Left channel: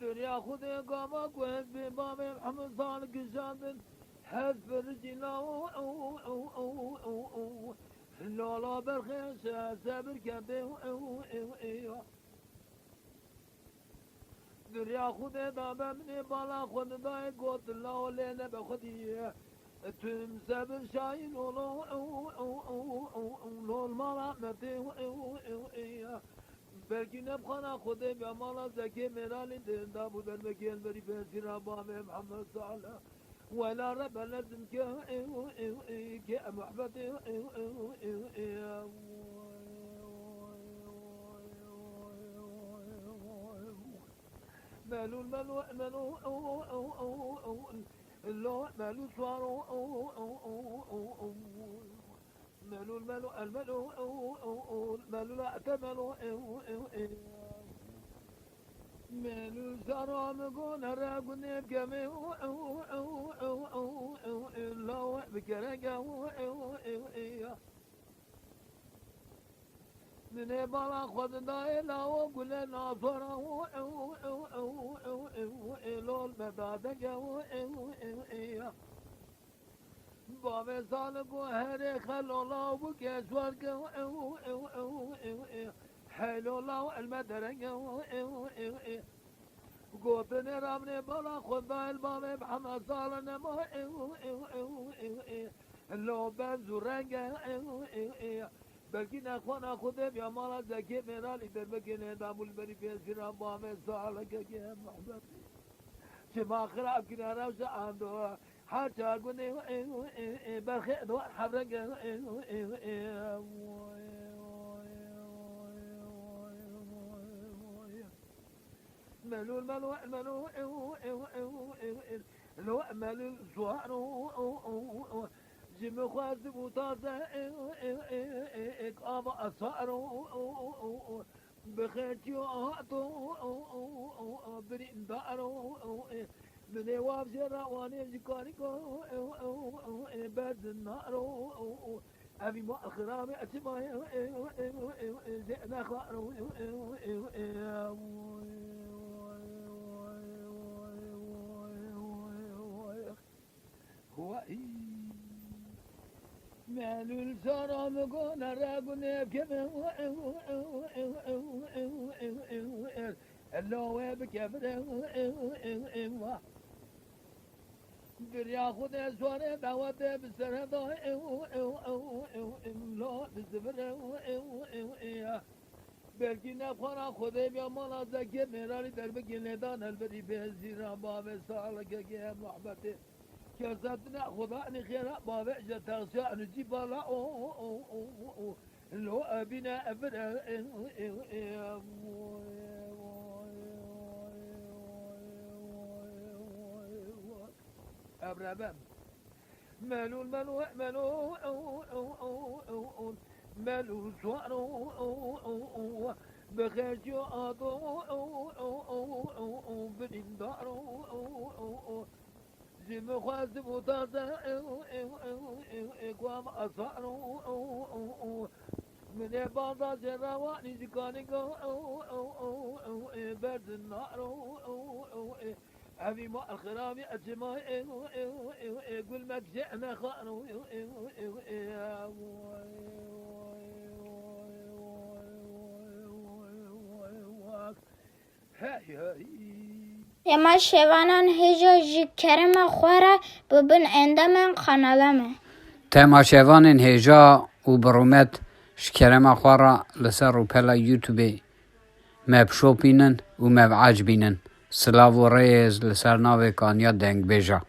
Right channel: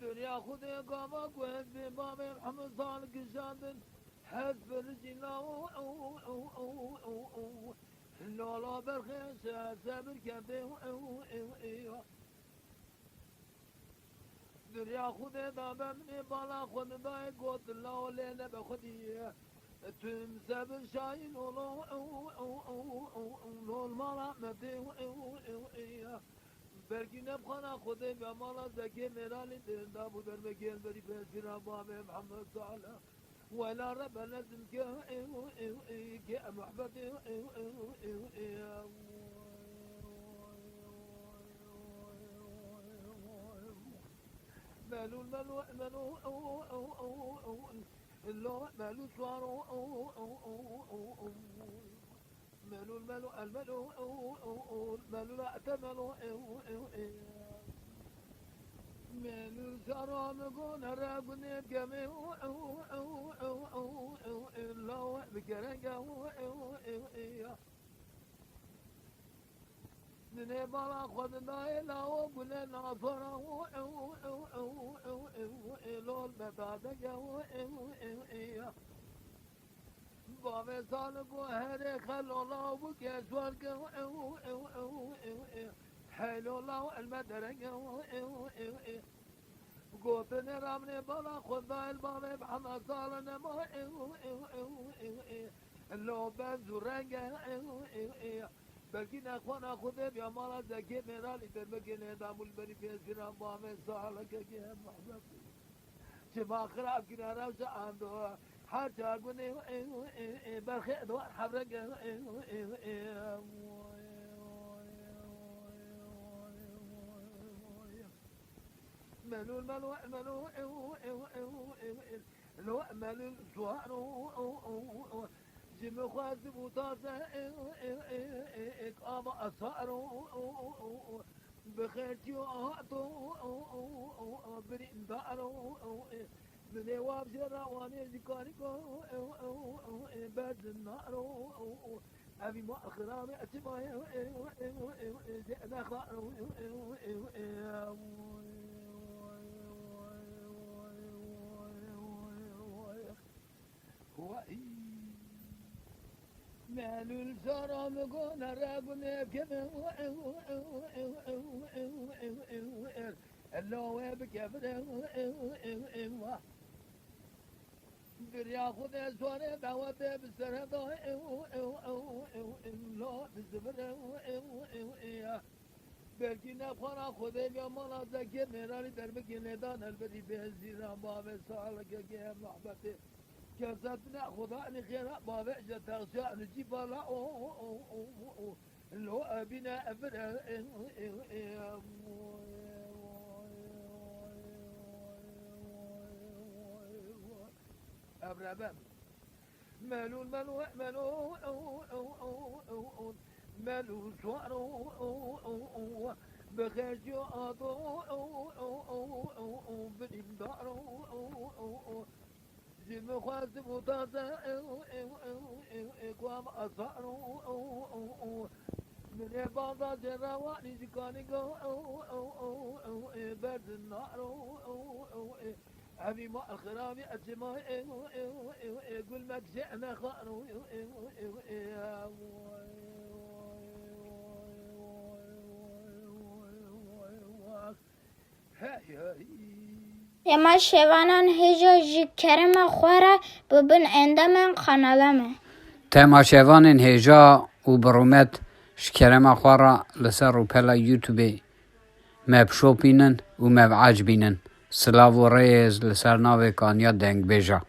دنیا خود گاوا گوهد به باب محمد صالح گشادن حذف رجلا لالا برخیش صبر کرده دنیا خود دابه من بالا خود دای گوت لاله نبه خودیه تم صبر شاین لول مالا مبده belki ne bana Khude be mala zeki merali da bu derbe gel beri bezir abame Muhammed Salih ve la rabbe lazım ki muhabbeti مالو مالو مالو لا مالو صاروا مالو المالو المالو مالو لا تمالو مالو سرام قون راقون يبقى لا بكرقا من بالا خود داي لا وقول ناصره لول مدادك بابا صالح وهر خلو الله وكسور حلو الله المدرج قوتني رامني بلا خدا الباب محمد صالح نما لو بنزورنج بلكي نخونا خدا يا مالا زكي مرالي تبكي دامو البري في سيرا بابا صالح كي محمد شما خراب كنا روزا عنده حتى أقولي برخي دوار حرق ملو الملو الملو لو ملو الزوار جم خوازب وطازة إقامة أصار بخيتي وأعطو بريم دارو من يواب جرا واني جكاريكو بعد النار أبي ما أخرامي أتبع زئنا خارو هو مالو الزرام قون راقون يبكي اللو يبكي دريا خود زوره دعوته بسره دا لا بسره belki ne para Khude be mala zeki merali derbe giledan elberi bezira bave sağlık ge muhabbeti kesatna Khuda ni khira bave jatasa nujibala lo abina abra أبربم مالو الملو مالو مالو صارو بخيجو أضو بدندارو زم خوازب وطازة قوام أصارو من بعض جراواني جكاني برد النار أبي ما الخرامي أجمع يقول ما جئنا خانو اما شوانان هجا جی کرم خوره ببن اندامن قنالمه تما شوانان هجا و برومت شکرم خوره لسر و پلا یوتیوبی مبشو بینن و مبعج بینن سلاو و ریز لسر ناوی کانیا دنگ بیجا